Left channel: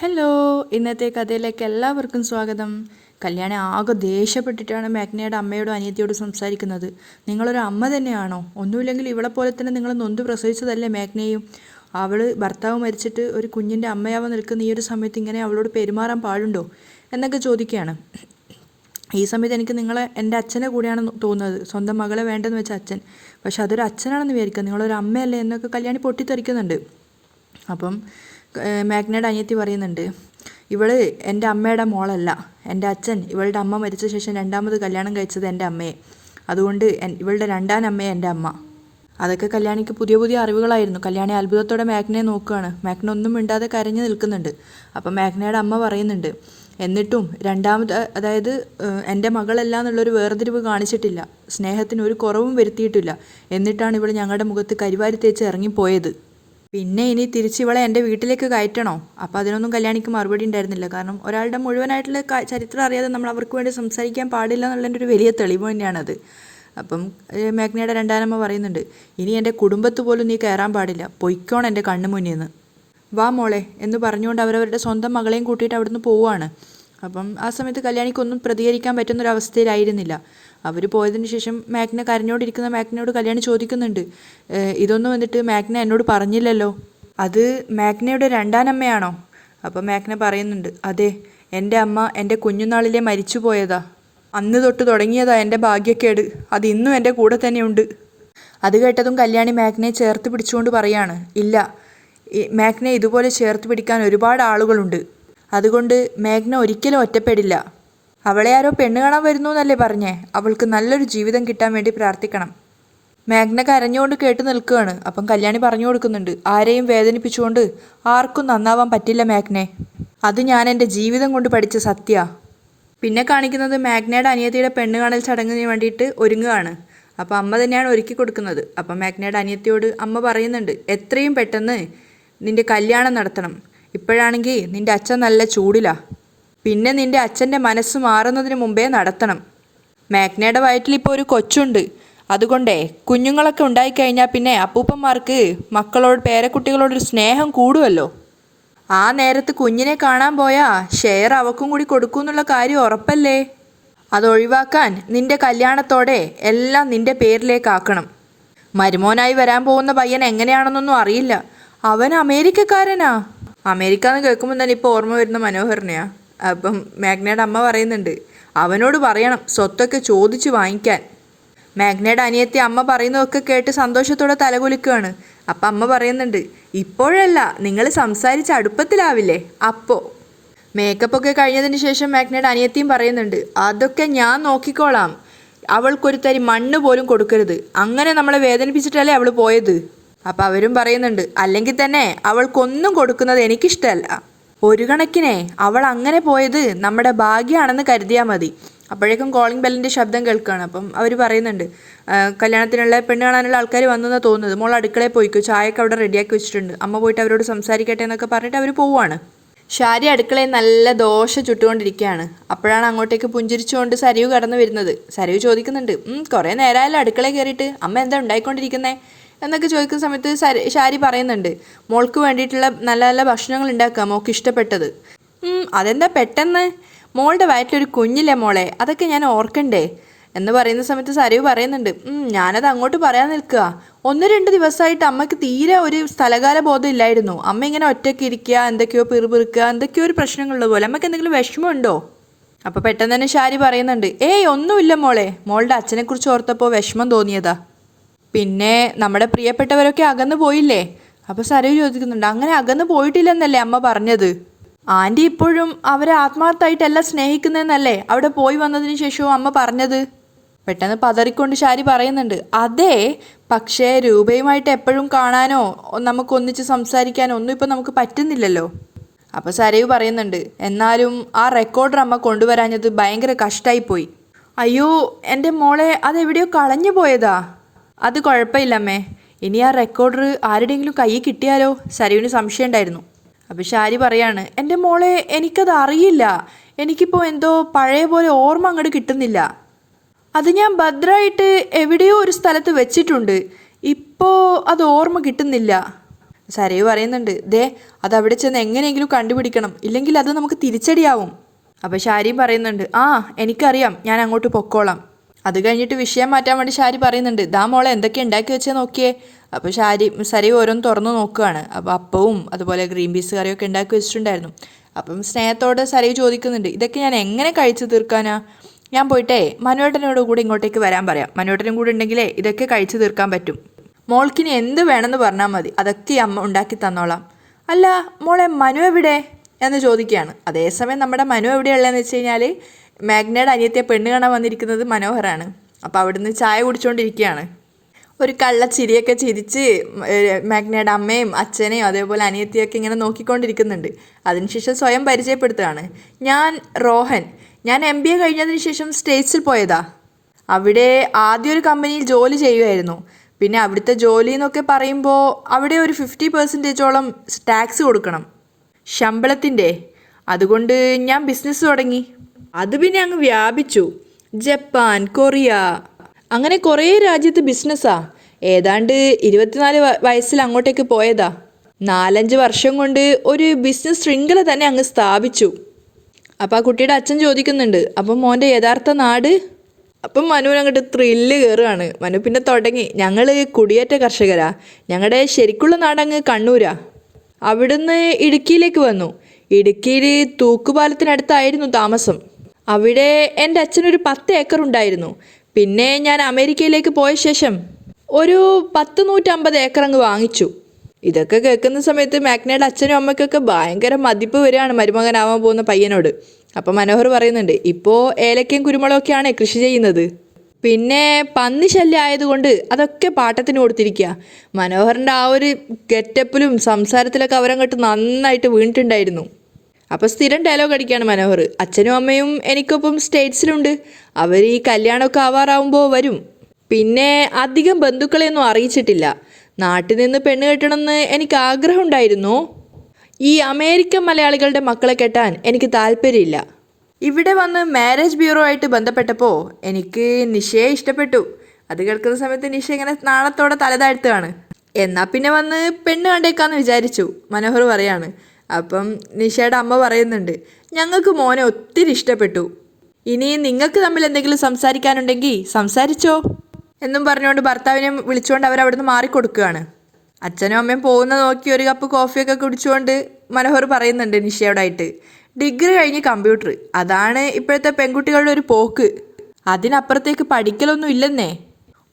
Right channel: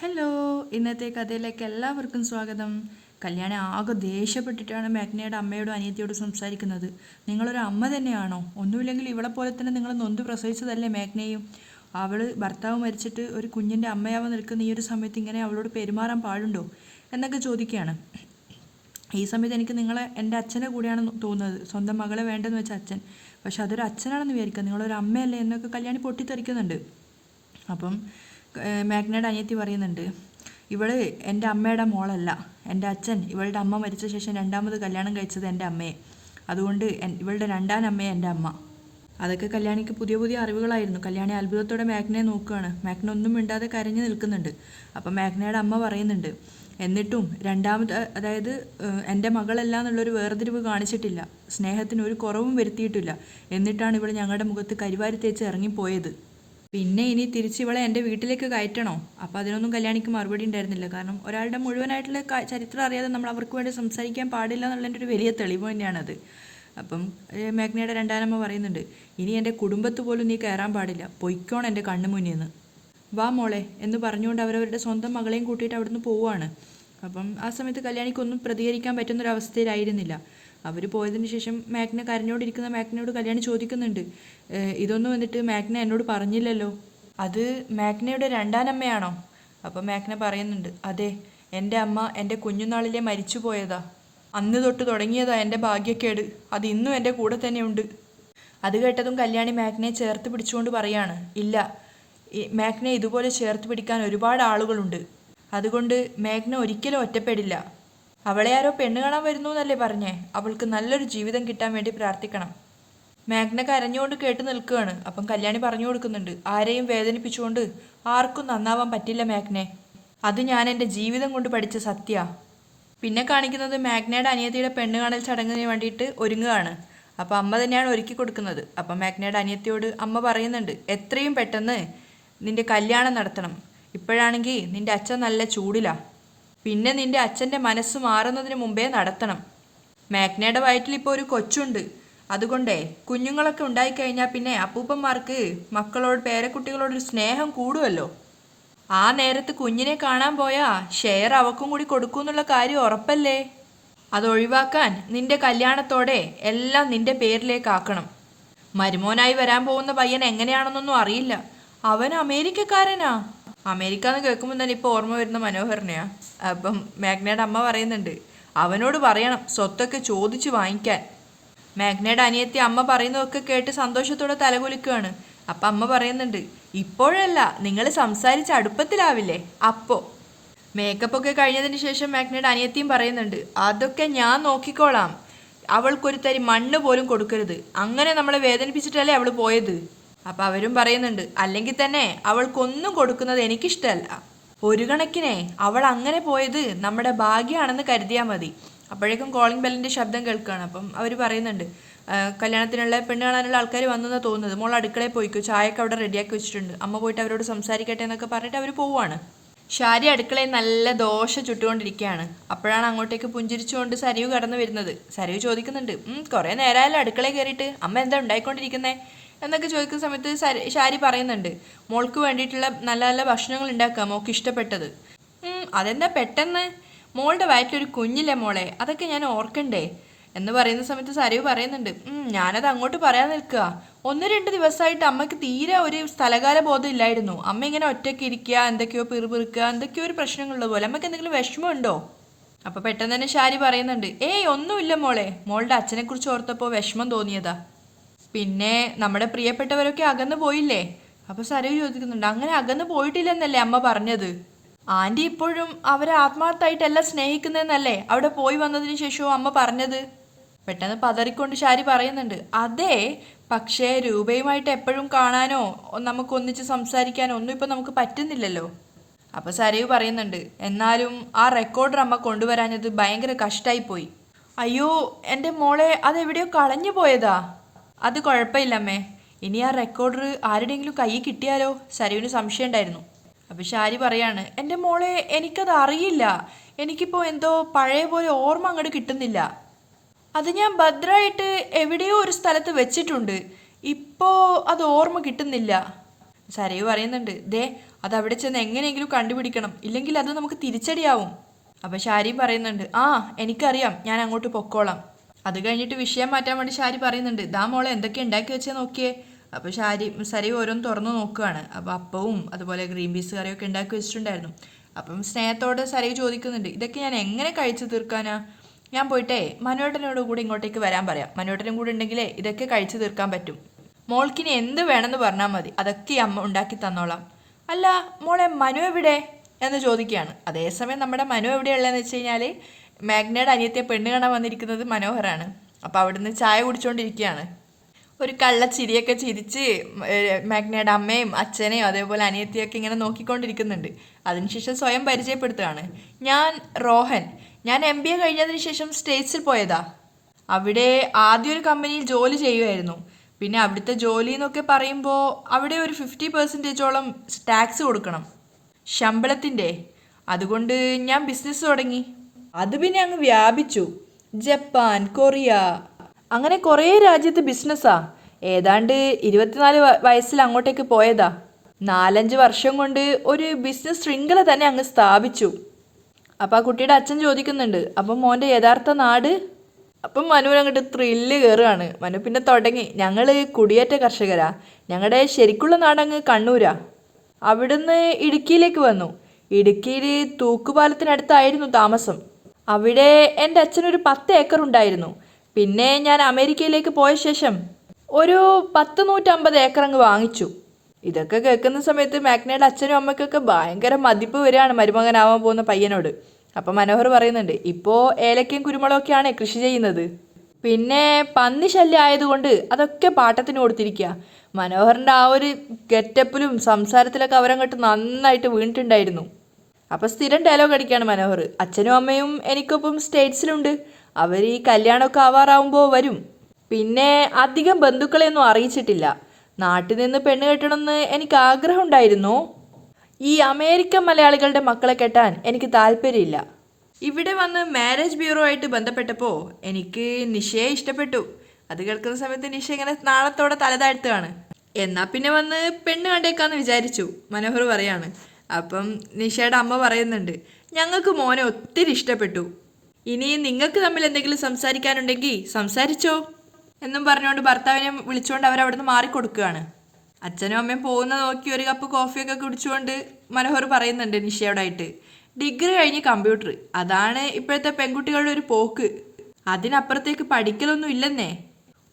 Hello ഇന്നത്തെ കഥയിലേക്ക് എല്ലാവർക്കും സ്വാഗതം. കല്യാണി ആകെ ദേഷ്യപ്പെട്ടിട്ടാണ് മാഗ്നയുടെ അമ്മയോടും അനിയത്തിയോടും സംസാരിക്കുന്നത്. നിങ്ങളൊരു അമ്മ തന്നെയാണോ? ഒന്നുമില്ലെങ്കിൽ ഇവളെ പോലെ തന്നെ നിങ്ങൾ നൊന്ത് പ്രസവിച്ചതല്ലേ മാഗ്നയും അവൾ ഭർത്താവ് മരിച്ചിട്ട് ഒരു കുഞ്ഞിന്റെ അമ്മയാവാൻ നിൽക്കുന്ന ഈ ഒരു സമയത്ത് ഇങ്ങനെ അവളോട് പെരുമാറാൻ പാടുണ്ടോ? എന്നൊക്കെ ചോദിക്കുകയാണ്. ഈ സമയത്ത് എനിക്ക് നിങ്ങളെ എന്റെ അച്ഛനെ കൂടിയാണ് തോന്നുന്നത്. സ്വന്തം മകളെ വേണ്ടെന്ന് വെച്ച അച്ഛൻ. പക്ഷെ അതൊരു അച്ഛനാണെന്ന് വിചാരിക്കുക. നിങ്ങളൊരു അമ്മയല്ലേ എന്നൊക്കെ കല്യാണി പൊട്ടിത്തെറിക്കുന്നുണ്ട്. അപ്പം ഏഹ് മാഗ്നയുടെ അനിയത്തി പറയുന്നുണ്ട് ഇവൾ എന്റെ അമ്മയുടെ മോളല്ല. എന്റെ അച്ഛൻ ഇവളുടെ അമ്മ മരിച്ച ശേഷം രണ്ടാമത് കല്യാണം കഴിച്ചത് എന്റെ അമ്മയെ. അതുകൊണ്ട് ഇവളുടെ രണ്ടാം അമ്മയെ എന്റെ അമ്മ. അതൊക്കെ കല്യാണിക്ക് പുതിയ പുതിയ അറിവുകളായിരുന്നു. കല്യാണി അത്ഭുതത്തോടെ മാഗ്നയെ നോക്കുകയാണ്. മാഗ്ന ഒന്നും മിണ്ടാതെ കരഞ്ഞു നിൽക്കുന്നുണ്ട്. അപ്പം മാഗ്നയുടെ അമ്മ പറയുന്നുണ്ട് എന്നിട്ടും രണ്ടാമത് അതായത് എന്റെ മകളല്ല എന്നുള്ളൊരു വേർതിരിവ് കാണിച്ചിട്ടില്ല. സ്നേഹത്തിന് ഒരു കുറവും വരുത്തിയിട്ടില്ല. എന്നിട്ടാണ് ഇവിടെ ഞങ്ങളുടെ മുഖത്ത് കരിവാരി തേച്ച് ഇറങ്ങിപ്പോയത്. പിന്നെ ഇനി തിരിച്ച് ഇവളെ എന്റെ വീട്ടിലേക്ക് കയറ്റണോ? അപ്പോൾ അതിനൊന്നും കല്യാണിക്ക് മറുപടി ഉണ്ടായിരുന്നില്ല. കാരണം ഒരാളുടെ മുഴുവനായിട്ടുള്ള ചരിത്രം അറിയാതെ നമ്മൾ അവർക്ക് വേണ്ടി സംസാരിക്കാൻ പാടില്ല എന്നുള്ളതിന്റെ ഒരു വലിയ തെളിവ് തന്നെയാണത്. അപ്പം മേഘ്നയുടെ രണ്ടാനമ്മ പറയുന്നുണ്ട് ഇനി എന്റെ കുടുംബത്ത് പോലും നീ കയറാൻ പാടില്ല. പൊയ്ക്കോണം എന്റെ കണ്ണു മുന്നിൽ നിന്ന് വാ മോളെ എന്ന് പറഞ്ഞുകൊണ്ട് അവരവരുടെ സ്വന്തം മകളെയും കൂട്ടിയിട്ട് അവിടുന്ന് പോവുകയാണ്. അപ്പം ആ സമയത്ത് കല്യാണിക്കൊന്നും പ്രതികരിക്കാൻ പറ്റുന്നൊരവസ്ഥയിലായിരുന്നില്ല അവർ പോയതിന് ശേഷം മാഗ്ന കരഞ്ഞോണ്ടിരിക്കുന്ന മാഗ്നയോട് കല്യാണി ചോദിക്കുന്നുണ്ട് ഇതൊന്നും വന്നിട്ട് മാഗ്ന എന്നോട് പറഞ്ഞില്ലല്ലോ? അത് മാഗ്നയുടെ രണ്ടാനമ്മയാണോ? അപ്പോൾ മാഗ്ന പറയുന്നുണ്ട് അതെ എന്റെ അമ്മ എന്റെ കുഞ്ഞുനാളിലെ മരിച്ചു പോയതാ അന്ന് തൊട്ട് തുടങ്ങിയതാ എന്റെ ഭാഗ്യക്കേട്. അത് ഇന്നും എന്റെ കൂടെ തന്നെയുണ്ട്. അത് കേട്ടതും കല്യാണി മാഗ്നയെ ചേർത്ത് പിടിച്ചുകൊണ്ട് പറയാണ് ഇല്ല മാഗ്നെ ഇതുപോലെ ചേർത്ത് പിടിക്കാൻ ഒരുപാട് ആളുകളുണ്ട്. അതുകൊണ്ട് മേഘ്ന ഒരിക്കലും ഒറ്റപ്പെടില്ല. അവളെ ആരോ പെണ്ണ് കാണാൻ വരുന്നു എന്നല്ലേ പറഞ്ഞേ. അവൾക്ക് നല്ലൊരു ജീവിതം കിട്ടാൻ വേണ്ടി പ്രാർത്ഥിക്കണം. മാഗ്ന കരഞ്ഞുകൊണ്ട് കേട്ട് നിൽക്കുകയാണ്. അപ്പം കല്യാണി പറഞ്ഞു കൊടുക്കുന്നുണ്ട്. ആരെയും വേദനിപ്പിച്ചുകൊണ്ട് ആർക്കും നന്നാവാൻ പറ്റില്ല മാഗ്നെ അത് ഞാൻ എന്റെ ജീവിതം കൊണ്ട് പഠിച്ച സത്യ. പിന്നെ കാണിക്കുന്നത് മാഗ്നയുടെ അനിയത്തിയുടെ പെണ്ണ് കാണൽ ചടങ്ങിന് വേണ്ടിയിട്ട് ഒരുങ്ങുകയാണ്. അപ്പം അമ്മ തന്നെയാണ് ഒരുക്കി കൊടുക്കുന്നത്. അപ്പം മാഗ്നയുടെ അനിയത്തിയോട് അമ്മ പറയുന്നുണ്ട് എത്രയും പെട്ടെന്ന് നിന്റെ കല്യാണം നടത്തണം. ഇപ്പോഴാണെങ്കിൽ നിന്റെ അച്ഛൻ നല്ല ചൂടിലാ. പിന്നെ നിന്റെ അച്ഛന്റെ മനസ്സ് മാറുന്നതിന് മുമ്പേ നടത്തണം. മാഗ്നയുടെ വയറ്റിൽ ഇപ്പോൾ ഒരു കൊച്ചുണ്ട്. അതുകൊണ്ടേ കുഞ്ഞുങ്ങളൊക്കെ ഉണ്ടായിക്കഴിഞ്ഞാൽ പിന്നെ അപ്പൂപ്പന്മാർക്ക് മക്കളോട് പേരക്കുട്ടികളോടൊരു സ്നേഹം കൂടുമല്ലോ ആ നേരത്ത് കുഞ്ഞിനെ കാണാൻ പോയാ ഷെയർ അവക്കും കൂടി കൊടുക്കൂന്നുള്ള കാര്യം ഉറപ്പല്ലേ? അതൊഴിവാക്കാൻ നിന്റെ കല്യാണത്തോടെ എല്ലാം നിന്റെ പേരിലേക്കാക്കണം. മരുമോനായി വരാൻ പോകുന്ന പയ്യൻ എങ്ങനെയാണെന്നൊന്നും അറിയില്ല. അവൻ അമേരിക്കക്കാരനാ. അമേരിക്ക എന്ന് കേൾക്കുമ്പോൾ തന്നെ ഇപ്പോൾ ഓർമ്മ വരുന്ന മനോഹരനെയാ. അപ്പം മാഗ്നയുടെ അമ്മ പറയുന്നുണ്ട് അവനോട് പറയണം സ്വത്തൊക്കെ ചോദിച്ച് വാങ്ങിക്കാൻ. മാഗ്നയുടെ അനിയത്തി അമ്മ പറയുന്നതൊക്കെ കേട്ട് സന്തോഷത്തോടെ തലകുലിക്കുകയാണ് അപ്പം അമ്മ പറയുന്നുണ്ട് ഇപ്പോഴല്ല നിങ്ങൾ സംസാരിച്ച് അടുപ്പത്തിലാവില്ലേ? അപ്പോൾ മേക്കപ്പ് ഒക്കെ കഴിഞ്ഞതിന് ശേഷം മാഗ്നയുടെ അനിയത്തിയും പറയുന്നുണ്ട് അതൊക്കെ ഞാൻ നോക്കിക്കോളാം. അവൾക്കൊരു തരി മണ്ണ് പോലും കൊടുക്കരുത്. അങ്ങനെ നമ്മളെ വേദനിപ്പിച്ചിട്ടല്ലേ അവൾ പോയത്? അപ്പം അവരും പറയുന്നുണ്ട് അല്ലെങ്കിൽ തന്നെ അവൾക്കൊന്നും കൊടുക്കുന്നത് എനിക്കിഷ്ടമല്ല ഒരു കണക്കിനെ അവൾ അങ്ങനെ പോയത് നമ്മുടെ ഭാഗ്യമാണെന്ന് കരുതിയാൽ മതി. അപ്പോഴേക്കും കോളിംഗ് ബെല്ലിന്റെ ശബ്ദം കേൾക്കുകയാണ്. അപ്പം അവർ പറയുന്നുണ്ട് കല്യാണത്തിനുള്ള പെണ്ണ് കാണാനുള്ള ആൾക്കാർ വന്നെന്നാണ് തോന്നുന്നത്. മോൾ അടുക്കളയിൽ പോയിക്കോ. ചായയൊക്കെ അവിടെ റെഡിയാക്കി വെച്ചിട്ടുണ്ട്. അമ്മ പോയിട്ട് അവരോട് സംസാരിക്കട്ടെ എന്നൊക്കെ പറഞ്ഞിട്ട് അവർ പോവുകയാണ് ഷാരി അടുക്കളയിൽ നല്ല ദോശ ചുട്ടുകൊണ്ടിരിക്കുകയാണ്. അപ്പോഴാണ് അങ്ങോട്ടേക്ക് പുഞ്ചിരിച്ചുകൊണ്ട് സരിവ് കടന്നു വരുന്നത്. സരിവ് ചോദിക്കുന്നുണ്ട് കുറേ നേരമായല്ലോ അടുക്കളയിൽ കയറിയിട്ട്. അമ്മ എന്താ ഉണ്ടായിക്കൊണ്ടിരിക്കുന്നേ? എന്നൊക്കെ ചോദിക്കുന്ന സമയത്ത് ശാരി പറയുന്നുണ്ട് മോൾക്ക് വേണ്ടിയിട്ടുള്ള നല്ല നല്ല ഭക്ഷണങ്ങൾ ഉണ്ടാക്കുക മോൾക്ക് ഇഷ്ടപ്പെട്ടത്. "ഉം, അതെന്താ പെട്ടെന്ന്? മോളുടെ വയറ്റിലൊരു കുഞ്ഞില്ലേ മോളെ അതൊക്കെ ഞാൻ ഓർക്കണ്ടേ? എന്ന് പറയുന്ന സമയത്ത് സരിവ് പറയുന്നുണ്ട് "ഉം, ഞാനത് അങ്ങോട്ട് പറയാൻ നിൽക്കുക. ഒന്ന് രണ്ട് ദിവസമായിട്ട് അമ്മയ്ക്ക് തീരെ ഒരു സ്ഥലകാല ബോധം ഇല്ലായിരുന്നു. അമ്മ ഇങ്ങനെ ഒറ്റയ്ക്ക് ഇരിക്കുക എന്തൊക്കെയോ പിറുപിറുക്കുക എന്തൊക്കെയോ ഒരു പ്രശ്നങ്ങളുള്ള പോലെ. അമ്മയ്ക്ക് എന്തെങ്കിലും വിഷമമുണ്ടോ? അപ്പോൾ പെട്ടെന്ന് തന്നെ ഷാരി പറയുന്നുണ്ട് ഏയ് ഒന്നുമില്ല മോളെ. മോളുടെ അച്ഛനെക്കുറിച്ച് ഓർത്തപ്പോൾ വിഷമം തോന്നിയതാ. പിന്നെ നമ്മുടെ പ്രിയപ്പെട്ടവരൊക്കെ അകന്നു പോയില്ലേ? അപ്പോൾ സരവ് ചോദിക്കുന്നുണ്ട് അങ്ങനെ അകന്നു പോയിട്ടില്ലെന്നല്ലേ അമ്മ പറഞ്ഞത്? ആന്റി ഇപ്പോഴും അവരെ ആത്മാർത്ഥമായിട്ടല്ല സ്നേഹിക്കുന്നതെന്നല്ലേ അവിടെ പോയി വന്നതിന് ശേഷവും അമ്മ പറഞ്ഞത്? പെട്ടെന്ന് പതറിക്കൊണ്ട് ശാരി പറയുന്നുണ്ട് അതെ പക്ഷേ രൂപയുമായിട്ട് എപ്പോഴും കാണാനോ നമുക്ക് ഒന്നിച്ച് സംസാരിക്കാനോ ഒന്നും ഇപ്പം നമുക്ക് പറ്റുന്നില്ലല്ലോ. അപ്പോൾ സരയു പറയുന്നുണ്ട് എന്നാലും ആ റെക്കോർഡർ അമ്മ കൊണ്ടുവരാഞ്ഞത് ഭയങ്കര കഷ്ടമായി പോയി അയ്യോ എന്റെ മോളെ അതെവിടെയോ കളഞ്ഞു പോയതാ. അത് കുഴപ്പമില്ലമ്മേ. ഇനി ആ റെക്കോർഡർ ആരുടെയെങ്കിലും കയ്യിൽ കിട്ടിയാലോ? സരുവിന് സംശയം ഉണ്ടായിരുന്നു അപ്പോൾ ഷാരി പറയാണ് എന്റെ മോളെ എനിക്കത് അറിയില്ല. എനിക്കിപ്പോൾ എന്തോ പഴയ പോലെ ഓർമ്മ അങ്ങോട്ട് കിട്ടുന്നില്ല. അത് ഞാൻ ഭദ്രമായിട്ട് എവിടെയോ ഒരു സ്ഥലത്ത് വെച്ചിട്ടുണ്ട്. ഇപ്പോൾ അത് ഓർമ്മ കിട്ടുന്നില്ല. സരയു പറയുന്നുണ്ട് ദേ അത് അവിടെ ചെന്ന് എങ്ങനെയെങ്കിലും കണ്ടുപിടിക്കണം. ഇല്ലെങ്കിൽ അത് നമുക്ക് തിരിച്ചടിയാവും. അപ്പോൾ ഷാരി പറയുന്നുണ്ട് ആ എനിക്കറിയാം. ഞാൻ അങ്ങോട്ട് പൊക്കോളാം. അത് കഴിഞ്ഞിട്ട് വിഷയം മാറ്റാൻ വേണ്ടി ഷാരി പറയുന്നുണ്ട് ദാ മോളെ എന്തൊക്കെ ഉണ്ടാക്കി വെച്ചാൽ നോക്കിയേ? അപ്പോൾ ഷാരി സരി ഓരോന്ന് തുറന്നു നോക്കുകയാണ് അപ്പോൾ അപ്പവും അതുപോലെ ഗ്രീൻ പീസ് കറിയൊക്കെ ഉണ്ടാക്കി വെച്ചിട്ടുണ്ടായിരുന്നു. അപ്പം സ്നേഹത്തോടെ സരി ചോദിക്കുന്നുണ്ട് ഇതൊക്കെ ഞാൻ എങ്ങനെ കഴിച്ചു തീർക്കാനാ? ഞാൻ പോയിട്ടേ മനുവേട്ടനോട് കൂടി ഇങ്ങോട്ടേക്ക് വരാൻ പറയാം. മനുവേട്ടനും കൂടി ഉണ്ടെങ്കിലേ ഇതൊക്കെ കഴിച്ചു തീർക്കാൻ പറ്റും. മോൾക്കിനി എന്ത് വേണമെന്ന് പറഞ്ഞാൽ മതി അതൊക്കെ അമ്മ ഉണ്ടാക്കി തന്നോളാം. അല്ല മോളെ മനു എവിടെ? എന്ന് ചോദിക്കുകയാണ്. അതേസമയം നമ്മുടെ മനു എവിടെയുള്ളതെന്ന് വെച്ച് കഴിഞ്ഞാൽ മാഗ്നയുടെ അനിയത്തെ പെണ്ണ് കാണാൻ വന്നിരിക്കുന്നത് മനോഹറാണ് അപ്പോൾ അവിടുന്ന് ചായ കുടിച്ചുകൊണ്ടിരിക്കുകയാണ് ഒരു കള്ള ചിരിയൊക്കെ ചിരിച്ച് മാഗ്നയുടെ അമ്മയും അച്ഛനെയും അതേപോലെ അനിയത്തിയൊക്കെ ഇങ്ങനെ നോക്കിക്കൊണ്ടിരിക്കുന്നുണ്ട്. അതിനുശേഷം സ്വയം പരിചയപ്പെടുത്തുകയാണ്. ഞാൻ റോഹൻ. ഞാൻ എം ബി എ കഴിഞ്ഞതിന് ശേഷം സ്റ്റേറ്റ്സിൽ പോയതാ. അവിടെ ആദ്യം ഒരു കമ്പനിയിൽ ജോലി ചെയ്യുമായിരുന്നു പിന്നെ അവിടുത്തെ ജോലി എന്നൊക്കെ പറയുമ്പോൾ അവിടെ ഒരു ഫിഫ്റ്റി പെർസെന്റേജോളം ടാക്സ് കൊടുക്കണം. ശമ്പളത്തിന്റെ. അതുകൊണ്ട് ഞാൻ ബിസിനസ് തുടങ്ങി. അത് പിന്നെ അങ്ങ് വ്യാപിച്ചു. Japan Korea. അങ്ങനെ കുറേ രാജ്യത്ത് ബിസിനസ്സാ. ഏതാണ്ട് ഇരുപത്തിനാല് വയസ്സിൽ അങ്ങോട്ടേക്ക് പോയതാ. നാലഞ്ച് വർഷം കൊണ്ട് ഒരു ബിസിനസ് ശൃംഖല തന്നെ അങ്ങ് സ്ഥാപിച്ചു. അപ്പം ആ കുട്ടിയുടെ അച്ഛൻ ചോദിക്കുന്നുണ്ട് അപ്പം മോന്റെ യഥാർത്ഥ നാട്? അപ്പം മനു അങ്ങോട്ട് ത്രില്ല് കയറുകയാണ് മനു പിന്നെ തുടങ്ങി ഞങ്ങൾ കുടിയേറ്റ കർഷകരാ. ഞങ്ങളുടെ ശരിക്കുള്ള നാടങ്ങ് കണ്ണൂരാ. അവിടുന്ന് ഇടുക്കിയിലേക്ക് വന്നു. ഇടുക്കിയിൽ തൂക്കുപാലത്തിനടുത്തായിരുന്നു താമസം. അവിടെ എന്റെ അച്ഛനൊരു പത്ത് ഏക്കർ ഉണ്ടായിരുന്നു. പിന്നെ ഞാൻ അമേരിക്കയിലേക്ക് പോയ ശേഷം ഒരു പത്ത് നൂറ്റമ്പത് ഏക്കർ അങ്ങ് വാങ്ങിച്ചു. ഇതൊക്കെ കേൾക്കുന്ന സമയത്ത് മാഗ്നയുടെ അച്ഛനും അമ്മയ്ക്കൊക്കെ ഭയങ്കര മതിപ്പ് വരികയാണ് മരുമകനാവാൻ പോകുന്ന പയ്യനോട്. അപ്പം മനോഹർ പറയുന്നുണ്ട് ഇപ്പോൾ ഏലക്കയും കുരുമുളകൊക്കെയാണ് കൃഷി ചെയ്യുന്നത്. പിന്നെ പന്നി ശല്യം ആയതുകൊണ്ട് അതൊക്കെ പാട്ടത്തിന് കൊടുത്തിരിക്കുക മനോഹറിന്റെ ആ ഒരു ഗെറ്റപ്പിലും സംസാരത്തിലൊക്കെ അവരങ്ങോട്ട് നന്നായിട്ട് വീണിട്ടുണ്ടായിരുന്നു. അപ്പോൾ സ്ഥിരം ഡയലോഗ് അടിക്കുകയാണ് മനോഹർ. അച്ഛനും അമ്മയും എനിക്കൊപ്പം സ്റ്റേറ്റ്സിലുണ്ട്. അവർ ഈ കല്യാണമൊക്കെ ആവാറാവുമ്പോൾ വരും. പിന്നെ അധികം ബന്ധുക്കളെയൊന്നും അറിയിച്ചിട്ടില്ല. നാട്ടിൽ നിന്ന് പെണ്ണ് കെട്ടണമെന്ന് എനിക്ക് ആഗ്രഹമുണ്ടായിരുന്നു? ഈ അമേരിക്കൻ മലയാളികളുടെ മക്കളെ കെട്ടാൻ എനിക്ക് താല്പര്യമില്ല. ഇവിടെ വന്ന് മാരേജ് ബ്യൂറോ ആയിട്ട് ബന്ധപ്പെട്ടപ്പോൾ എനിക്ക് നിഷയെ ഇഷ്ടപ്പെട്ടു. അത് കേൾക്കുന്ന സമയത്ത് നിഷ ഇങ്ങനെ നാളത്തോടെ തലതാഴ്ത്തുകയാണ് എന്നാൽ പിന്നെ വന്ന് പെണ്ണ് കണ്ടേക്കാന്ന് വിചാരിച്ചു. മനോഹർ പറയാണ്. അപ്പം നിഷയുടെ അമ്മ പറയുന്നുണ്ട് ഞങ്ങൾക്ക് മോനെ ഒത്തിരി ഇഷ്ടപ്പെട്ടു. ഇനി നിങ്ങൾക്ക് തമ്മിൽ എന്തെങ്കിലും സംസാരിക്കാനുണ്ടെങ്കിൽ സംസാരിച്ചോ. എന്നും പറഞ്ഞുകൊണ്ട് ഭർത്താവിനെ വിളിച്ചുകൊണ്ട് അവർ അവിടുന്ന് മാറിക്കൊടുക്കുകയാണ്. അച്ഛനും അമ്മയും പോകുന്ന നോക്കി ഒരു കപ്പ് കോഫിയൊക്കെ കുടിച്ചുകൊണ്ട് മനോഹർ പറയുന്നുണ്ട് നിഷയോടായിട്ട് ഡിഗ്രി കഴിഞ്ഞ് കമ്പ്യൂട്ടർ അതാണ് ഇപ്പോഴത്തെ പെൺകുട്ടികളുടെ ഒരു പോക്ക്. അതിനപ്പുറത്തേക്ക് പഠിക്കലൊന്നും ഇല്ലെന്നേ.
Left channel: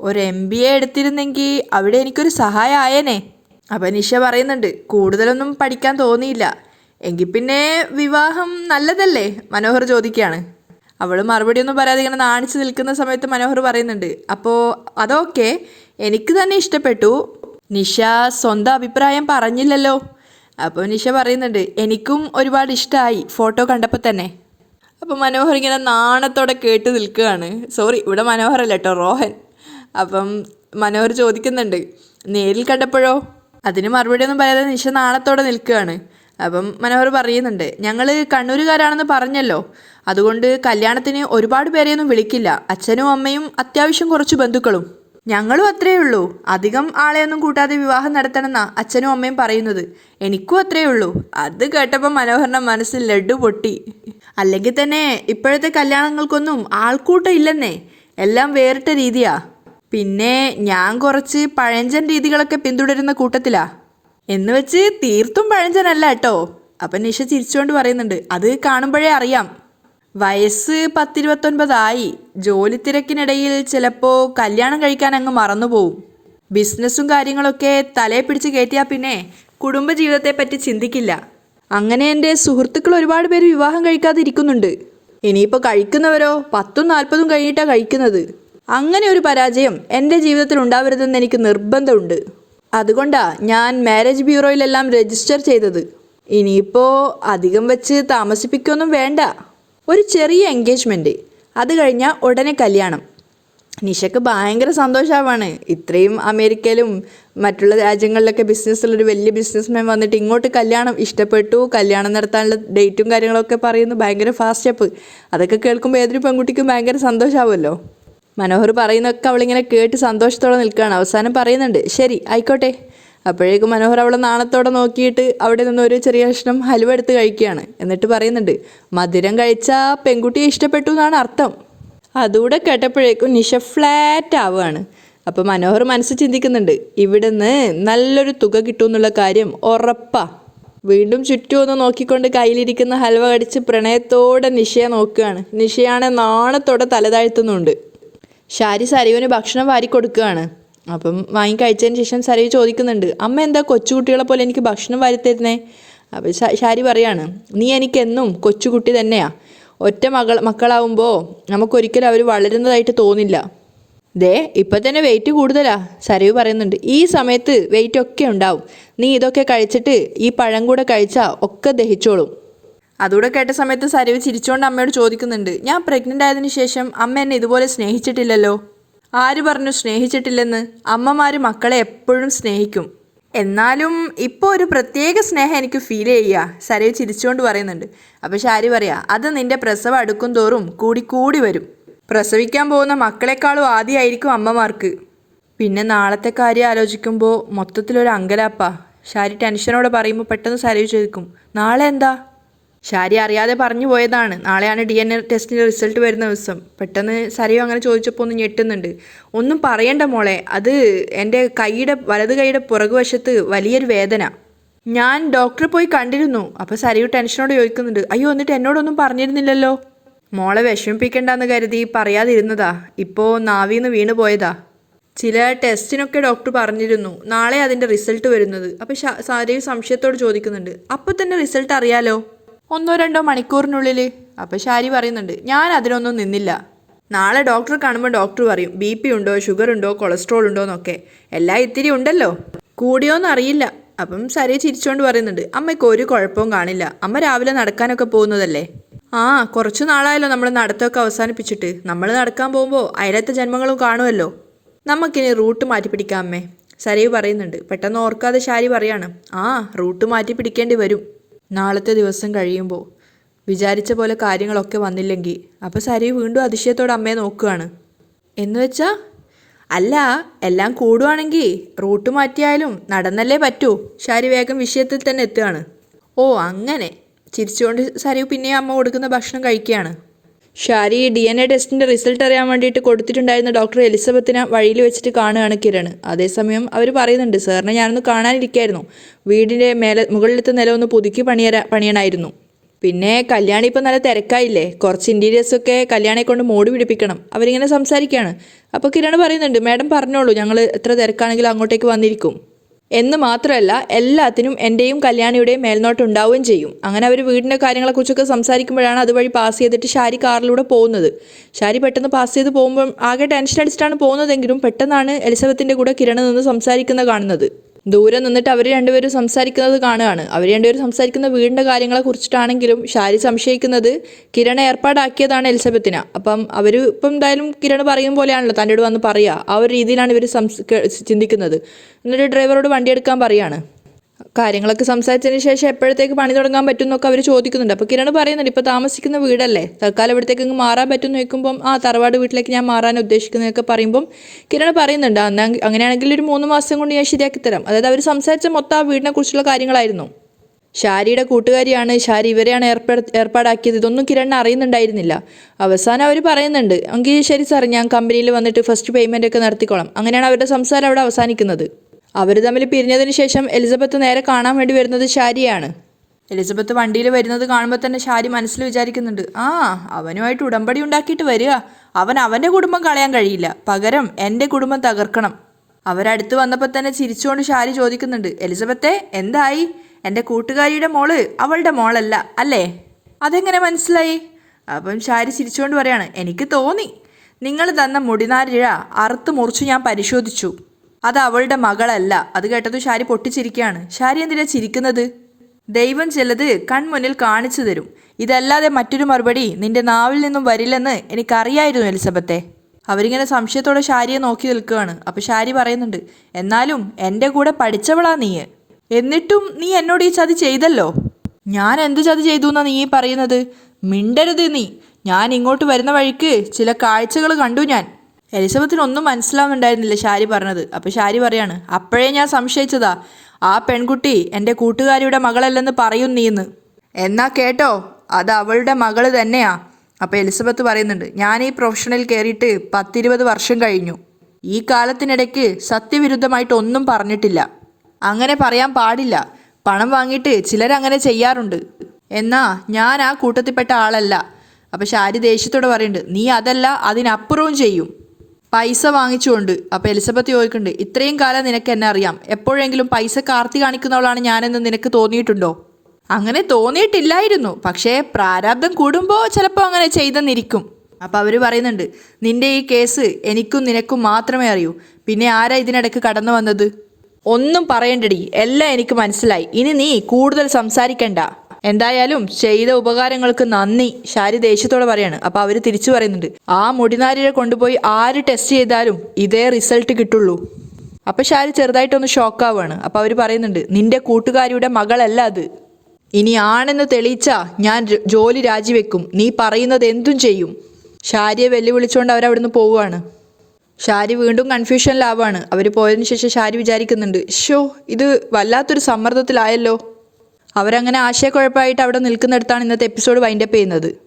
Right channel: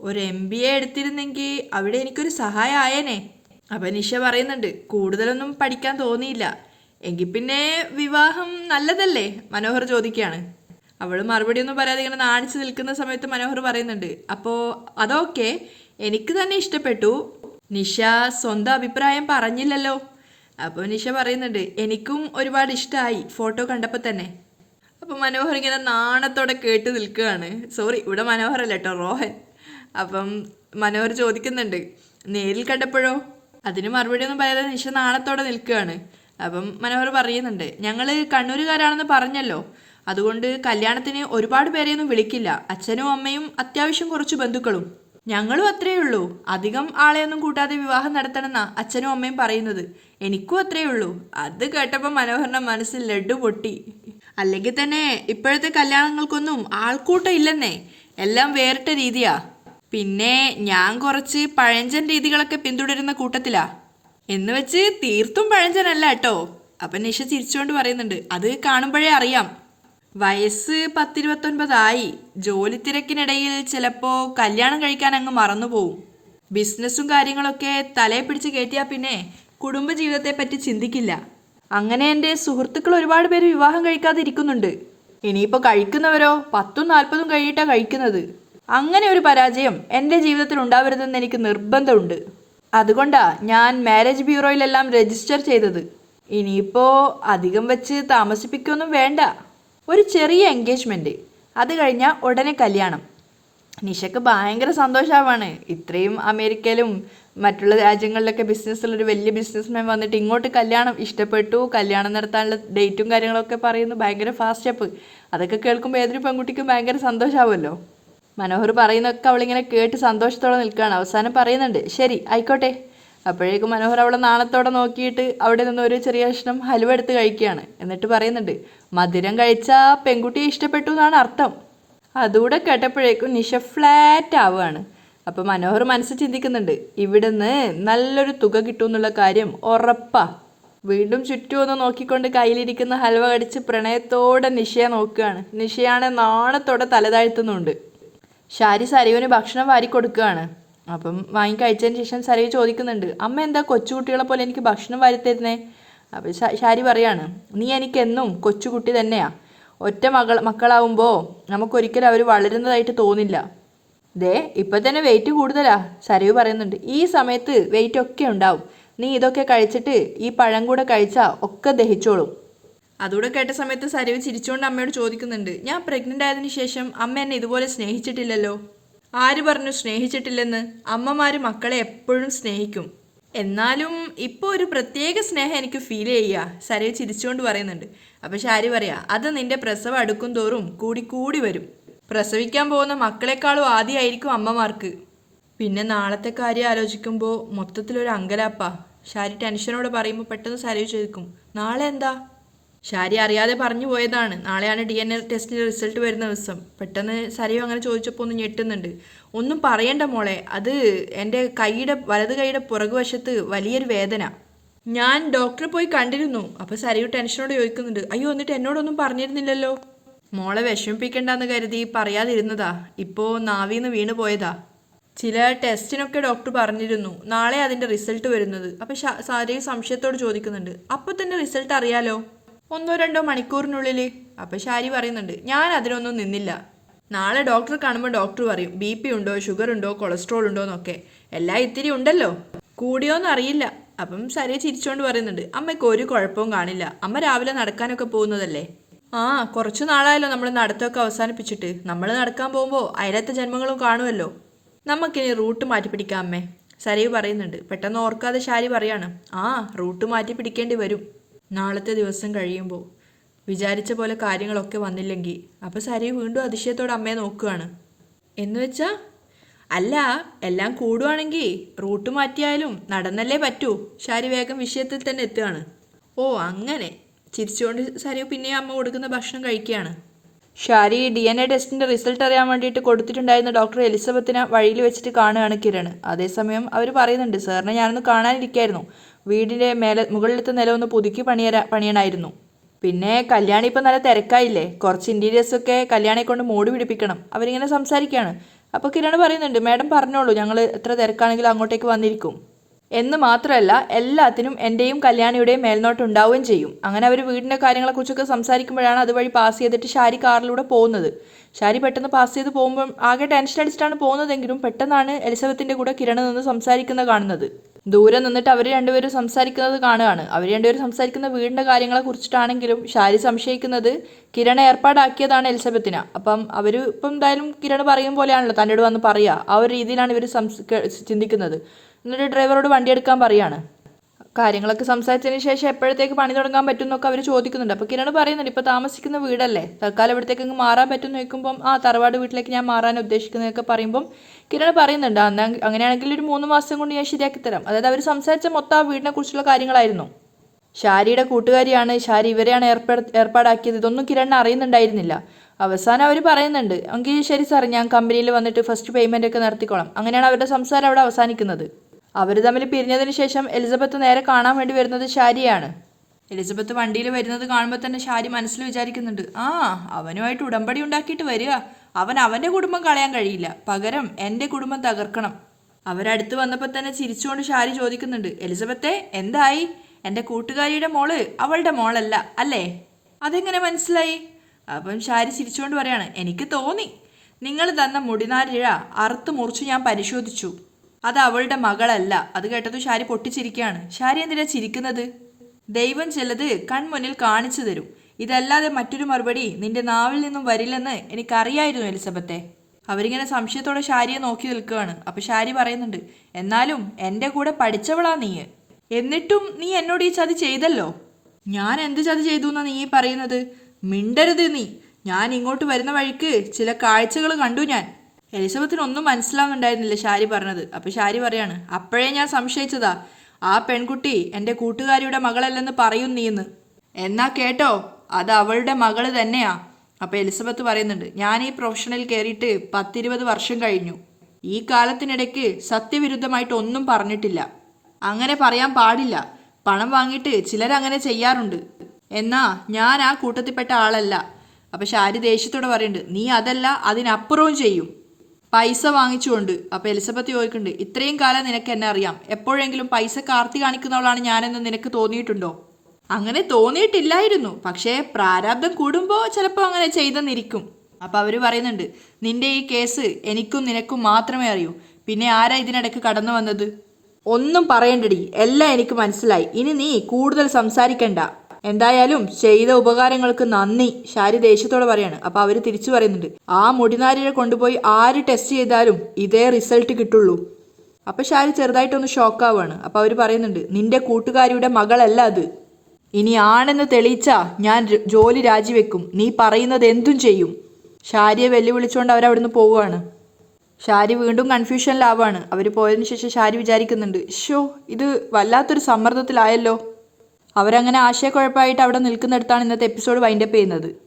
ഒരു എം ബി എ എടുത്തിരുന്നെങ്കിൽ അവിടെ എനിക്കൊരു സഹായം ആയേനെ. അപ്പം നിഷ പറയുന്നുണ്ട് കൂടുതലൊന്നും പഠിക്കാൻ തോന്നിയില്ല. എങ്കിൽ പിന്നെ വിവാഹം നല്ലതല്ലേ? മനോഹർ ചോദിക്കുകയാണ്. അവൾ മറുപടി ഒന്നും പറയാതെ ഇങ്ങനെ നാണിച്ചു നിൽക്കുന്ന സമയത്ത് മനോഹർ പറയുന്നുണ്ട് അപ്പോൾ അതൊക്കെ എനിക്ക് തന്നെ ഇഷ്ടപ്പെട്ടു. നിഷ സ്വന്തം അഭിപ്രായം പറഞ്ഞില്ലല്ലോ. അപ്പോൾ നിഷ പറയുന്നുണ്ട് എനിക്കും ഒരുപാട് ഇഷ്ടമായി ഫോട്ടോ കണ്ടപ്പോൾ തന്നെ. അപ്പോൾ മനോഹർ ഇങ്ങനെ നാണത്തോടെ കേട്ട് നിൽക്കുകയാണ്. സോറി ഇവിടെ മനോഹർ അല്ല കേട്ടോ റോഹൻ. അപ്പം മനോഹർ ചോദിക്കുന്നുണ്ട് നേരിൽ കണ്ടപ്പോഴോ? അതിന് മറുപടി ഒന്നും പറയാതെ നിഷ നാണത്തോടെ നിൽക്കുകയാണ്. അപ്പം മനോഹർ പറയുന്നുണ്ട് ഞങ്ങൾ കണ്ണൂരുകാരാണെന്ന് പറഞ്ഞല്ലോ. അതുകൊണ്ട് കല്യാണത്തിന് ഒരുപാട് പേരെയൊന്നും വിളിക്കില്ല. അച്ഛനും അമ്മയും അത്യാവശ്യം കുറച്ച് ബന്ധുക്കളും. ഞങ്ങളും അത്രയേ ഉള്ളൂ. അധികം ആളെയൊന്നും കൂട്ടാതെ വിവാഹം നടത്തണമെന്നാ അച്ഛനും അമ്മയും പറയുന്നത്. എനിക്കും അത്രയേ ഉള്ളൂ. അത് കേട്ടപ്പോൾ മനോഹറിന്റെ മനസ്സിൽ ലഡു പൊട്ടി. അല്ലെങ്കിൽ തന്നെ ഇപ്പോഴത്തെ കല്യാണങ്ങൾക്കൊന്നും ആൾക്കൂട്ടം ഇല്ലെന്നേ. എല്ലാം വേറിട്ട രീതിയാ. പിന്നെ ഞാൻ കുറച്ച് പഴഞ്ചൻ രീതികളൊക്കെ പിന്തുടരുന്ന കൂട്ടത്തിലാ. എന്ന് വെച്ച് തീർത്തും പഴഞ്ചനല്ല കേട്ടോ. അപ്പം നിഷ ചിരിച്ചുകൊണ്ട് പറയുന്നുണ്ട് അത് കാണുമ്പോഴേ അറിയാം. വയസ്സ് പത്തിരുപത്തൊൻപതായി. ജോലി തിരക്കിനിടയിൽ ചിലപ്പോൾ കല്യാണം കഴിക്കാൻ അങ്ങ് മറന്നുപോകും ബിസിനസ്സും കാര്യങ്ങളൊക്കെ തലയെ പിടിച്ച് കയറ്റിയാൽ പിന്നെ കുടുംബജീവിതത്തെപ്പറ്റി ചിന്തിക്കില്ല. അങ്ങനെ എന്റെ സുഹൃത്തുക്കൾ ഒരുപാട് പേര് വിവാഹം കഴിക്കാതിരിക്കുന്നുണ്ട്. ഇനിയിപ്പോൾ കഴിക്കുന്നവരോ പത്തും നാൽപ്പതും കഴിഞ്ഞിട്ടാണ് കഴിക്കുന്നത്. അങ്ങനെ ഒരു പരാജയം എന്റെ ജീവിതത്തിൽ ഉണ്ടാവരുതെന്ന് എനിക്ക് നിർബന്ധമുണ്ട്. അതുകൊണ്ടാ ഞാൻ മാരേജ് ബ്യൂറോയിലെല്ലാം രജിസ്റ്റർ ചെയ്തത്. ഇനിയിപ്പോൾ അധികം വെച്ച് താമസിപ്പിക്കൊന്നും വേണ്ട. ഒരു ചെറിയ എൻഗേജ്മെന്റ് അത് കഴിഞ്ഞാൽ ഉടനെ കല്യാണം. നിഷയ്ക്ക് ഭയങ്കര സന്തോഷമാവാണ് ഇത്രയും അമേരിക്കയിലും മറ്റുള്ള രാജ്യങ്ങളിലൊക്കെ ബിസിനസ്സിലൊരു വലിയ ബിസിനസ്മാൻ വന്നിട്ട് ഇങ്ങോട്ട് കല്യാണം ഇഷ്ടപ്പെട്ടു. കല്യാണം നടത്താനുള്ള ഡേറ്റും കാര്യങ്ങളൊക്കെ പറയുന്നു. ഭയങ്കര ഫാസ്റ്റ് സ്റ്റെപ്പ് അതൊക്കെ കേൾക്കുമ്പോൾ ഏതൊരു പെൺകുട്ടിക്കും ഭയങ്കര സന്തോഷമാവുമല്ലോ മനോഹർ പറയുന്നതൊക്കെ അവളിങ്ങനെ കേട്ട് സന്തോഷത്തോടെ നിൽക്കുകയാണ്. അവസാനം പറയുന്നുണ്ട് ശരി ആയിക്കോട്ടെ. അപ്പോഴേക്കും മനോഹർ അവളെ നാണത്തോടെ നോക്കിയിട്ട് അവിടെ നിന്ന് ഒരു ചെറിയ കഷ്ണം ഹലുവ എടുത്ത് കഴിക്കുകയാണ്. എന്നിട്ട് പറയുന്നുണ്ട് മധുരം കഴിച്ചാൽ പെൺകുട്ടിയെ ഇഷ്ടപ്പെട്ടു എന്നാണ് അർത്ഥം. അതുകൂടെ കേട്ടപ്പോഴേക്കും നിഷ ഫ്ലാറ്റ് ആവുകയാണ്. അപ്പോൾ മനോഹർ മനസ്സ് ചിന്തിക്കുന്നുണ്ട് ഇവിടുന്ന് നല്ലൊരു തുക കിട്ടുമെന്നുള്ള കാര്യം ഉറപ്പാ. വീണ്ടും ചുറ്റും ഒന്ന് നോക്കിക്കൊണ്ട് കയ്യിലിരിക്കുന്ന ഹൽവ കടിച്ച് പ്രണയത്തോടെ നിഷയെ നോക്കുകയാണ്. നിഷയാണെ നാണത്തോടെ തലതാഴ്ത്തുന്നുണ്ട് ഷാരി സരയുവിന് ഭക്ഷണം വാരി കൊടുക്കുകയാണ്. അപ്പം വാങ്ങി കഴിച്ചതിന് ശേഷം സരയു ചോദിക്കുന്നുണ്ട് അമ്മ എന്താ കൊച്ചുകുട്ടികളെ പോലെ എനിക്ക് ഭക്ഷണം വാരി തരുന്നേ? അപ്പം ശ- ഷാരി പറയാണ് നീ എനിക്കെന്നും കൊച്ചുകുട്ടി തന്നെയാ. ഒറ്റ മകൾ മക്കളാവുമ്പോൾ നമുക്കൊരിക്കലും അവർ വളരുന്നതായിട്ട് തോന്നില്ല. ദേ ഇപ്പം തന്നെ വെയിറ്റ് കൂടുതലാ സരയു പറയുന്നുണ്ട് ഈ സമയത്ത് വെയിറ്റ് ഒക്കെ ഉണ്ടാവും. നീ ഇതൊക്കെ കഴിച്ചിട്ട് ഈ പഴം കൂടെ കഴിച്ചാൽ ഒക്കെ ദഹിച്ചോളും. അതുകൂടെ കേട്ട സമയത്ത് സരവി ചിരിച്ചുകൊണ്ട് അമ്മയോട് ചോദിക്കുന്നുണ്ട് ഞാൻ പ്രഗ്നന്റ് ആയതിനു ശേഷം അമ്മ എന്നെ ഇതുപോലെ സ്നേഹിച്ചിട്ടില്ലല്ലോ? ആര് പറഞ്ഞു സ്നേഹിച്ചിട്ടില്ലെന്ന്? അമ്മമാർ മക്കളെ എപ്പോഴും സ്നേഹിക്കും. എന്നാലും ഇപ്പോൾ ഒരു പ്രത്യേക സ്നേഹം എനിക്ക് ഫീൽ ചെയ്യുക സരവി ചിരിച്ചുകൊണ്ട് പറയുന്നുണ്ട്. അപ്പോൾ ഷാരി പറയാ അത് നിന്റെ പ്രസവം അടുക്കും തോറും കൂടി കൂടി വരും. പ്രസവിക്കാൻ പോകുന്ന മക്കളെക്കാളും ആദ്യമായിരിക്കും അമ്മമാർക്ക്. പിന്നെ നാളത്തെ കാര്യം ആലോചിക്കുമ്പോൾ മൊത്തത്തിലൊരു അങ്കലാപ്പാ. ഷാരി ടെൻഷനോടെ പറയുമ്പോൾ പെട്ടെന്ന് സരവി ചോദിക്കും നാളെ എന്താ? ഷാരി അറിയാതെ പറഞ്ഞു പോയതാണ്. നാളെയാണ് ഡി എൻ എ ടെസ്റ്റിന്റെ റിസൾട്ട് വരുന്ന ദിവസം. പെട്ടെന്ന് സരയോ അങ്ങനെ ചോദിച്ചപ്പോൾ ഒന്ന് ഞെട്ടുന്നുണ്ട്. ഒന്നും പറയണ്ട മോളെ. അത് എന്റെ കൈയുടെ വലത് കൈയുടെ പുറകുവശത്ത് വലിയൊരു വേദന. ഞാൻ ഡോക്ടറെ പോയി കണ്ടിരുന്നു. അപ്പോൾ സരയു ടെൻഷനോട് ചോദിക്കുന്നുണ്ട്. അയ്യോ എന്നിട്ട് എന്നോടൊന്നും പറഞ്ഞിരുന്നില്ലല്ലോ? മോളെ വിഷമിപ്പിക്കണ്ടെന്ന് കരുതി പറയാതിരുന്നതാ. ഇപ്പോൾ നാവിന്ന് വീണ് പോയതാ. ചില ടെസ്റ്റിനൊക്കെ ഡോക്ടർ പറഞ്ഞിരുന്നു. നാളെ അതിന്റെ റിസൾട്ട് വരുന്നത്. അപ്പോൾ സാരയും സംശയത്തോട് ചോദിക്കുന്നുണ്ട്. അപ്പോൾ തന്നെ റിസൾട്ട് അറിയാലോ? ഒന്നോ രണ്ടോ മണിക്കൂറിനുള്ളിൽ അപ്പോൾ ഷാരി പറയുന്നുണ്ട് ഞാൻ അതിനൊന്നും നിന്നില്ല. നാളെ ഡോക്ടർ കാണുമ്പോൾ ഡോക്ടർ പറയും ബി പി ഉണ്ടോ ഷുഗർ ഉണ്ടോ കൊളസ്ട്രോൾ ഉണ്ടോ എന്നൊക്കെ. എല്ലാം ഇത്തിരി ഉണ്ടല്ലോ. കൂടിയോന്ന് അറിയില്ല. അപ്പം സരേ ചിരിച്ചുകൊണ്ട് പറയുന്നുണ്ട് അമ്മയ്ക്ക് ഒരു കുഴപ്പവും കാണില്ല. അമ്മ രാവിലെ നടക്കാനൊക്കെ പോകുന്നതല്ലേ? ആ കുറച്ചു നാളായല്ലോ നമ്മൾ നടത്തമൊക്കെ അവസാനിപ്പിച്ചിട്ട്. നമ്മൾ നടക്കാൻ പോകുമ്പോൾ അയലത്തെ ജന്മങ്ങളും കാണുമല്ലോ നമുക്കിനി റൂട്ട് മാറ്റി പിടിക്കാം അമ്മേ. സരയു പറയുന്നുണ്ട് പെട്ടെന്ന് ഓർക്കാതെ ശാരി പറയാണ്. ആ റൂട്ട് മാറ്റി പിടിക്കേണ്ടി വരും. നാളത്തെ ദിവസം കഴിയുമ്പോൾ. വിചാരിച്ച പോലെ കാര്യങ്ങളൊക്കെ വന്നില്ലെങ്കിൽ. അപ്പോൾ സരി വീണ്ടും അതിശയത്തോടെ അമ്മയെ നോക്കുകയാണ്. എന്ന് വെച്ചാൽ അല്ല എല്ലാം കൂടുവാണെങ്കിൽ റൂട്ട് മാറ്റിയാലും നടന്നല്ലേ പറ്റൂ. ശാരി വേഗം വിഷയത്തിൽ തന്നെ എത്തുകയാണ്. ഓ അങ്ങനെ. ചിരിച്ചുകൊണ്ട് സരി പിന്നെ അമ്മ കൊടുക്കുന്ന ഭക്ഷണം കഴിക്കുകയാണ്. ഷാരി ഡി എൻ എ ടെസ്റ്റിന്റെ റിസൾട്ട് അറിയാൻ വേണ്ടിയിട്ട് കൊടുത്തിട്ടുണ്ടായിരുന്ന ഡോക്ടർ എലിസബത്തിനെ വഴിയിൽ വെച്ചിട്ട് കാണുകയാണ് കിരൺ. അതേസമയം അവർ പറയുന്നുണ്ട് സാറിനെ ഞാനൊന്ന് കാണാനിരിക്കായിരുന്നു. വീടിന്റെ മേലെ മുകളിലത്തെ നില ഒന്ന് പുതുക്കി പണിയര പണിയണമായിരുന്നു പിന്നെ കല്യാണി ഇപ്പം നല്ല തിരക്കായില്ലേ? കുറച്ച് ഇന്റീരിയേഴ്സൊക്കെ കല്യാണിയെ കൊണ്ട് മോടി പിടിപ്പിക്കണം. അവരിങ്ങനെ സംസാരിക്കുകയാണ് അപ്പോൾ കിരൺ പറയുന്നുണ്ട് മാഡം പറഞ്ഞോളൂ ഞങ്ങൾ എത്ര തിരക്കാണെങ്കിലും അങ്ങോട്ടേക്ക് വന്നിരിക്കും. എന്ന് മാത്രമല്ല എല്ലാത്തിനും എന്റെയും കല്യാണിയുടെയും മേൽനോട്ടം ഉണ്ടാവുകയും ചെയ്യും. അങ്ങനെ അവർ വീടിന്റെ കാര്യങ്ങളെക്കുറിച്ചൊക്കെ സംസാരിക്കുമ്പോഴാണ് അതുവഴി പാസ് ചെയ്തിട്ട് ഷാരി കാറിലൂടെ പോകുന്നത്. ഷാരി പെട്ടെന്ന് പാസ് ചെയ്ത് പോകുമ്പം ആകെ ടെൻഷൻ അടിച്ചിട്ടാണ് പോകുന്നതെങ്കിലും പെട്ടെന്നാണ് എലിസബത്തിന്റെ കൂടെ കിരൺ നിന്ന് സംസാരിക്കുന്നത് കാണുന്നത്. ദൂരെ നിന്നിട്ട് അവർ രണ്ടുപേരും സംസാരിക്കുന്നത് കാണുകയാണ്. അവർ രണ്ടുപേരും സംസാരിക്കുന്ന വീടിന്റെ കാര്യങ്ങളെ കുറിച്ചിട്ടാണെങ്കിലും ഷാരി സംശയിക്കുന്നത് കിരൺ ഏർപ്പാടാക്കിയതാണ് എലിസബത്തിന. അപ്പം അവർ ഇപ്പം എന്തായാലും കിരൺ പറയും പോലെയാണല്ലോ തന്റെ വന്ന് പറയുക ആ ഒരു രീതിയിലാണ് ഇവർ സംസ് ചിന്തിക്കുന്നത്. എന്നിട്ട് ഡ്രൈവറോട് വണ്ടി എടുക്കാൻ പറയാണ്. കാര്യങ്ങളൊക്കെ സംസാരിച്ചതിന് ശേഷം എപ്പോഴത്തേക്ക് പണി തുടങ്ങാൻ പറ്റും എന്നൊക്കെ അവർ ചോദിക്കുന്നുണ്ട്. അപ്പോൾ കിരൺ പറയുന്നുണ്ട് ഇപ്പോൾ താമസിക്കുന്ന വീടല്ലേ? തൽക്കാലം ഇവിടത്തേക്ക് അങ്ങ് മാറാൻ പറ്റും എന്ന് ചോദിക്കുമ്പം ആ തറവാട് വീട്ടിലേക്ക് ഞാൻ മാറാൻ ഉദ്ദേശിക്കുന്നതൊക്കെ പറയുമ്പം കിരൺ പറയുന്നുണ്ട് എന്നാൽ അങ്ങനെയാണെങ്കിൽ ഒരു മൂന്ന് മാസം കൊണ്ട് ഞാൻ ശരിയാക്കി തരാം. അതായത് അവർ സംസാരിച്ച മൊത്തം ആ വീടിനെ കുറിച്ചുള്ള കാര്യങ്ങളായിരുന്നു. ഷാരിയുടെ കൂട്ടുകാരിയാണ് ഷാരി ഇവരെയാണ് ഏർപ്പെടു ഏർപ്പാടാക്കിയത്. ഇതൊന്നും കിരൺ അറിയുന്നുണ്ടായിരുന്നില്ല. അവസാനം അവർ പറയുന്നുണ്ട് എങ്കിൽ ശരി സാർ ഞാൻ കമ്പനിയിൽ വന്നിട്ട് ഫസ്റ്റ് പേയ്മെന്റ് ഒക്കെ നടത്തിക്കോളാം. അങ്ങനെയാണ് അവരുടെ സംസാരം അവിടെ അവസാനിക്കുന്നത്. അവർ തമ്മിൽ പിരിഞ്ഞതിന് ശേഷം എലിസബത്ത് നേരെ കാണാൻ വേണ്ടി വരുന്നത് ഷാരിയാണ് എലിസബത്ത് വണ്ടിയിൽ വരുന്നത് കാണുമ്പോൾ തന്നെ ഷാരി മനസ്സിൽ വിചാരിക്കുന്നുണ്ട് ആ അവനുമായിട്ട് ഉടമ്പടി ഉണ്ടാക്കിയിട്ട് വരിക. അവൻ അവന്റെ കുടുംബം കളയാൻ കഴിയില്ല. പകരം എന്റെ കുടുംബം തകർക്കണം. അവരടുത്ത് വന്നപ്പോൾ തന്നെ ചിരിച്ചുകൊണ്ട് ഷാരി ചോദിക്കുന്നുണ്ട് എലിസബത്തെ എന്തായി? എന്റെ കൂട്ടുകാരിയുടെ മോൾ അവളുടെ മോളല്ല അല്ലേ? അതെങ്ങനെ മനസ്സിലായി? അപ്പം ഷാരി ചിരിച്ചുകൊണ്ട് പറയാണ് എനിക്ക് തോന്നി. നിങ്ങൾ തന്ന മുടിനാരിഴ അറുത്ത് മുറിച്ച് ഞാൻ പരിശോധിച്ചു. അത് അവളുടെ മകളല്ല. അത് കേട്ടത് ഷാരി പൊട്ടിച്ചിരിക്കുകയാണ്. ഷാരി എന്തിനാ ചിരിക്കുന്നത്? ദൈവം ചിലത് കൺമുന്നിൽ കാണിച്ചു തരും. ഇതല്ലാതെ മറ്റൊരു മറുപടി നിന്റെ നാവിൽ നിന്നും വരില്ലെന്ന് എനിക്കറിയായിരുന്നു എലിസബത്തെ. അവരിങ്ങനെ സംശയത്തോടെ ഷാരിയെ നോക്കി നിൽക്കുകയാണ്. അപ്പോൾ ഷാരി പറയുന്നുണ്ട് എന്നാലും എന്റെ കൂടെ പഠിച്ചവളാ നീ എന്നിട്ടും നീ എന്നോട് ഈ ചതി ചെയ്തല്ലോ? ഞാൻ എന്ത് ചതി ചെയ്തു എന്നാ നീ പറയുന്നത്? മിണ്ടരുത് നീ. ഞാൻ ഇങ്ങോട്ട് വരുന്ന വഴിക്ക് ചില കാഴ്ചകൾ കണ്ടു ഞാൻ. എലിസബത്തിന് ഒന്നും മനസ്സിലാവുന്നുണ്ടായിരുന്നില്ല ഷാരി പറഞ്ഞത്. അപ്പോൾ ഷാരി പറയാണ് അപ്പോഴേ ഞാൻ സംശയിച്ചതാ. ആ പെൺകുട്ടി എന്റെ കൂട്ടുകാരിയുടെ മകളല്ലെന്ന് പറയും നീന്ന്. എന്നാ കേട്ടോ അത് അവളുടെ മകൾ തന്നെയാ. അപ്പോൾ എലിസബത്ത് പറയുന്നുണ്ട് ഞാൻ ഈ പ്രൊഫഷനിൽ കയറിയിട്ട് പത്തിരുപത് വർഷം കഴിഞ്ഞു. ഈ കാലത്തിനിടയ്ക്ക് സത്യവിരുദ്ധമായിട്ട് ഒന്നും പറഞ്ഞിട്ടില്ല. അങ്ങനെ പറയാൻ പാടില്ല. പണം വാങ്ങിയിട്ട് ചിലരങ്ങനെ ചെയ്യാറുണ്ട്. എന്നാ ഞാൻ ആ കൂട്ടത്തിൽപ്പെട്ട ആളല്ല. അപ്പോൾ ഷാരി ദേഷ്യത്തോടെ പറയുന്നുണ്ട് നീ അതല്ല അതിനപ്പുറവും ചെയ്യും. പൈസ വാങ്ങിച്ചുകൊണ്ട്. അപ്പോൾ എലിസബത്ത് ചോദിക്കുന്നുണ്ട് ഇത്രയും കാലം നിനക്ക് എന്നെ അറിയാം. എപ്പോഴെങ്കിലും പൈസ കാർത്തി കാണിക്കുന്നവളാണ് ഞാനെന്ന് നിനക്ക് തോന്നിയിട്ടുണ്ടോ? അങ്ങനെ തോന്നിയിട്ടില്ലായിരുന്നു. പക്ഷേ പ്രാരാബ്ദം കൂടുമ്പോൾ ചിലപ്പോൾ അങ്ങനെ ചെയ്തെന്നിരിക്കും. അപ്പോൾ അവർ പറയുന്നുണ്ട് നിന്റെ ഈ കേസ് എനിക്കും നിനക്കും മാത്രമേ അറിയൂ. പിന്നെ ആരാ ഇതിനിടക്ക് കടന്നു വന്നത്? ഒന്നും പറയണ്ടടി. എല്ലാം എനിക്ക് മനസ്സിലായി. ഇനി നീ കൂടുതൽ സംസാരിക്കണ്ട. എന്തായാലും ചെയ്ത ഉപകാരങ്ങൾക്ക് നന്ദി ഷാരി ദേഷ്യത്തോടെ പറയാണ്. അപ്പോൾ അവർ തിരിച്ചു പറയുന്നുണ്ട്. ആ മുടിനാരിയെ കൊണ്ടുപോയി ആര് ടെസ്റ്റ് ചെയ്താലും ഇതേ റിസൾട്ട് കിട്ടുള്ളൂ. അപ്പോൾ ഷാരി ചെറുതായിട്ടൊന്ന് ഷോക്കാവുകയാണ് അപ്പോൾ അവർ പറയുന്നുണ്ട് നിന്റെ കൂട്ടുകാരിയുടെ മകളല്ല അത്. ഇനി ആണെന്ന് തെളിയിച്ചാ ഞാൻ ജോലി രാജിവെക്കും. നീ പറയുന്നത് എന്തും ചെയ്യും. ഷാരിയെ വെല്ലുവിളിച്ചുകൊണ്ട് അവരവിടുന്ന് പോവുകയാണ്. ഷാരി വീണ്ടും കൺഫ്യൂഷനിലാവാണ് അവർ പോയതിനു ശേഷം ഷാരി വിചാരിക്കുന്നുണ്ട് ഷോ ഇത് വല്ലാത്തൊരു സമ്മർദ്ദത്തിലായല്ലോ. അവരങ്ങനെ ആശയക്കുഴപ്പമായിട്ട് അവിടെ നിൽക്കുന്നിടത്താണ് ഇന്നത്തെ എപ്പിസോഡ് വൈൻഡപ്പ് ചെയ്യുന്നത്.